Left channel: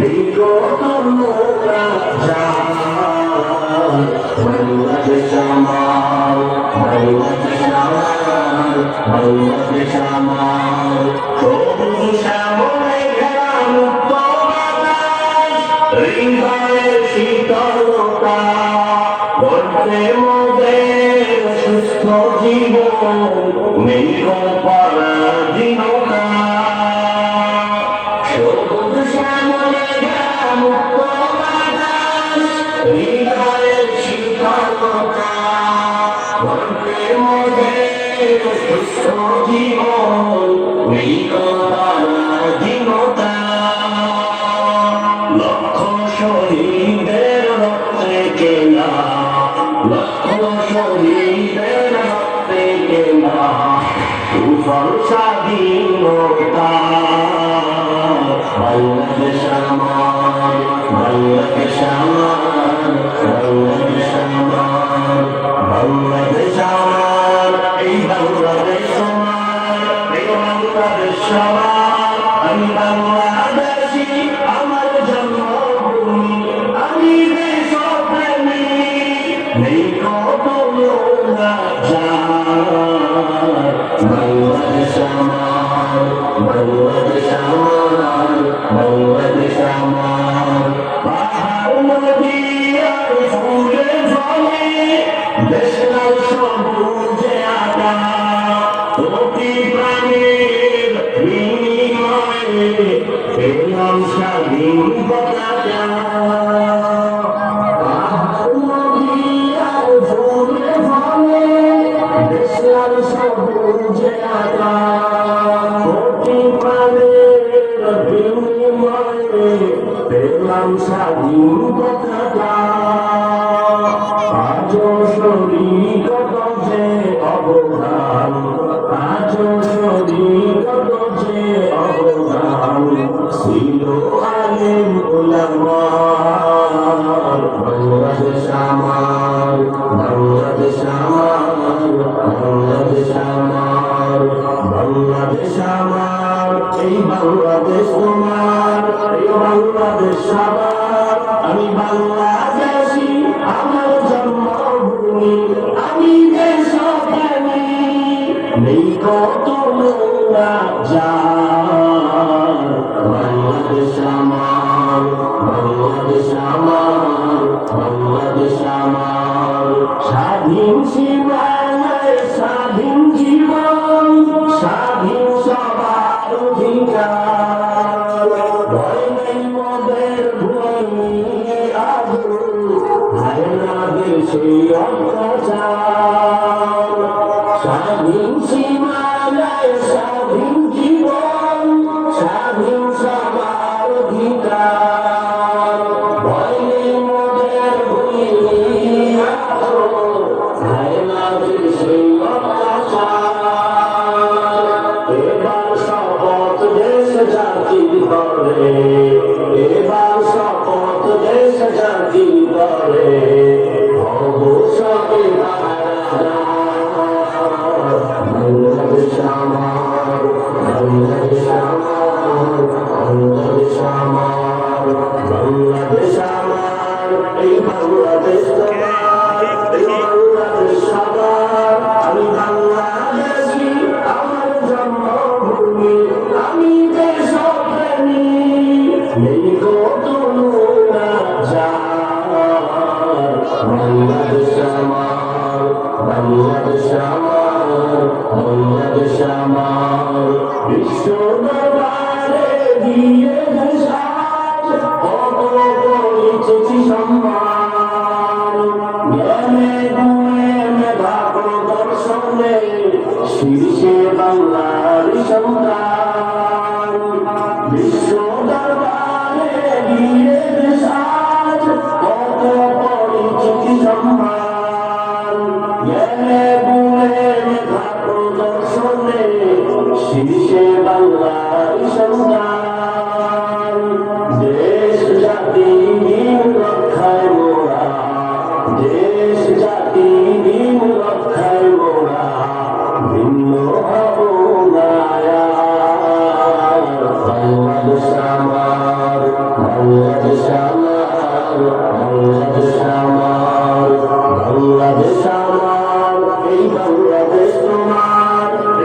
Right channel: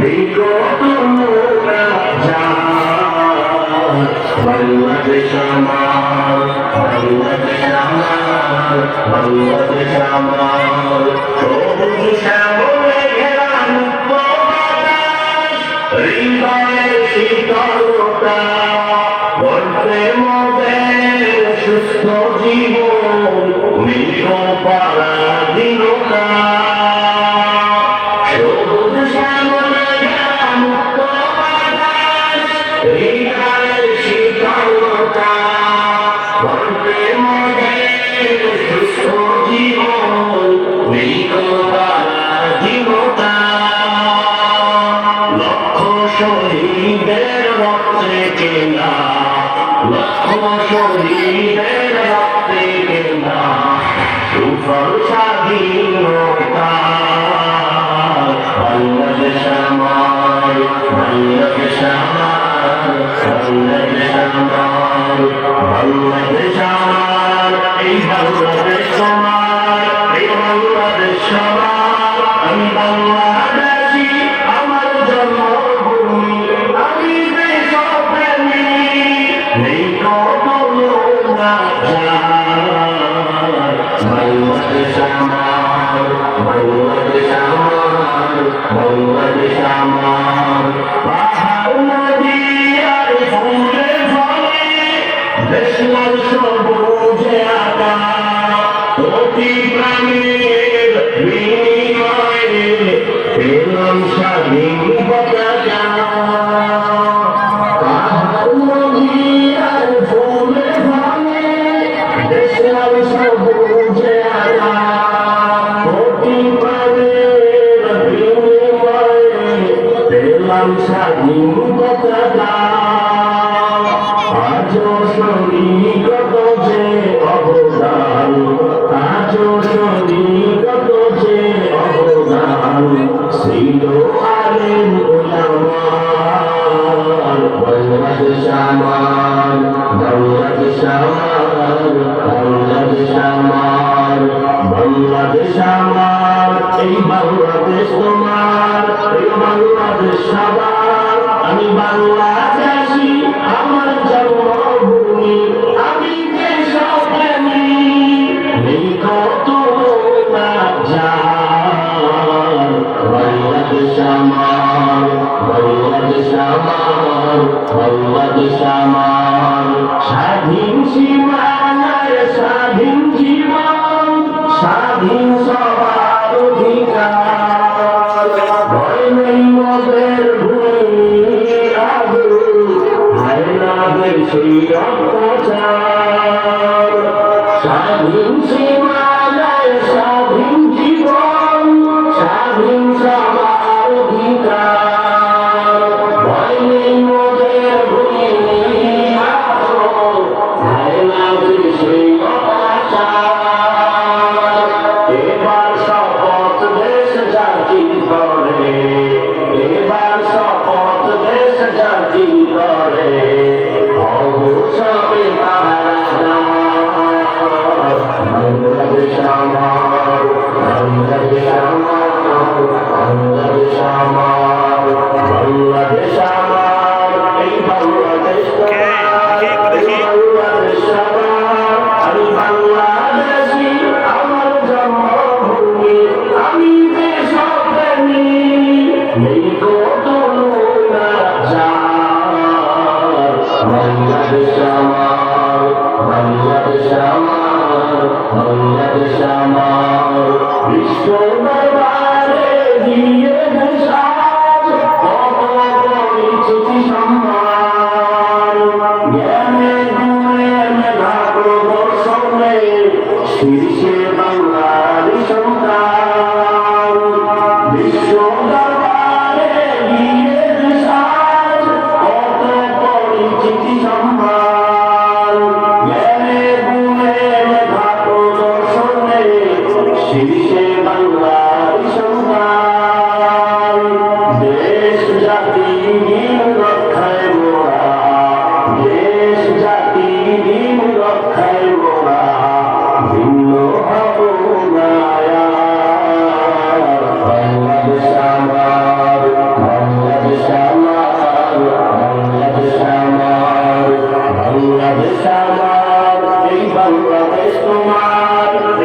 বিগত বাংলাদেশ আমার, বাংলাদেশ আমার, বাংলাদেশ আমার, সবুজ শ্যামলে ঘেরা মুক্ত বাতাস, হৃদয়ের শীতলতা, গর্তে মোদের সুস্থ জীবন, নিরপরাধীনতা। সবুজ শ্যামলে ঘেরা মুক্ত বাতাস, হৃদয়ের শীতলতা, গর্তে মোদের সুস্থ জীবন, নিরপরাধীনতা। লক্ষ শহীদের রক্তে কেনা, লক্ষ শহীদের রক্তে কেনা সুফল স্বাধীনতা। বাংলাদেশ আমার, বাংলাদেশ আমার, বাংলাদেশ আমার, বাংলাদেশ আমার, এই বাংলাদেশ আমার, এই বাংলাদেশ আমার। আমি বাংলাদেশী, আমার জন্মভূমি, আমি দেশপ্রেমী, নেই কখনো না যার। বাংলাদেশ আমার, বাংলাদেশ আমার, বাংলাদেশ আমার। পাহাড় নদী আর ফুলে ফলে দেশ লাল সবুজে আঁকা, প্রতি প্রাণীর বিনিময়ে পেলাম স্বাধীন পতাকা। পাহাড় নদী আর ফুলে ফলে দেশ লাল সবুজে আঁকা, প্রতি প্রাণীর বিনিময়ে পেলাম স্বাধীন পতাকা। আজও শরীরগত যে অবদান, আজও শরীরগত যে অবদান, ছিল আলেম উলামার। বাংলাদেশ আমার, বাংলাদেশ আমার, বাংলাদেশ আমার, বাংলাদেশ আমার, এই বাংলাদেশ আমার, এই বাংলাদেশ আমার। আমি বাংলাদেশী, আমার জন্মভূমি, আমি দেশপ্রেমী, নেই কখনো না যার। বাংলাদেশ আমার, বাংলাদেশ আমার, বাংলাদেশ আমার। স্বাধীন সীমানায় স্বাধীন জীবন, স্বাধীন সবার অধিকার, ভয় নেই মোদের ভূমি আগুন, হায়নাদের সেই অত্যাচার। স্বাধীন সীমানায় স্বাধীন জীবন, স্বাধীন সবার অধিকার, ভয় নেই মোদের ভূমি আগুন, হায়নাদের সেই অত্যাচার। এবার শপথ দেশ জাতির করে, এবার তোমার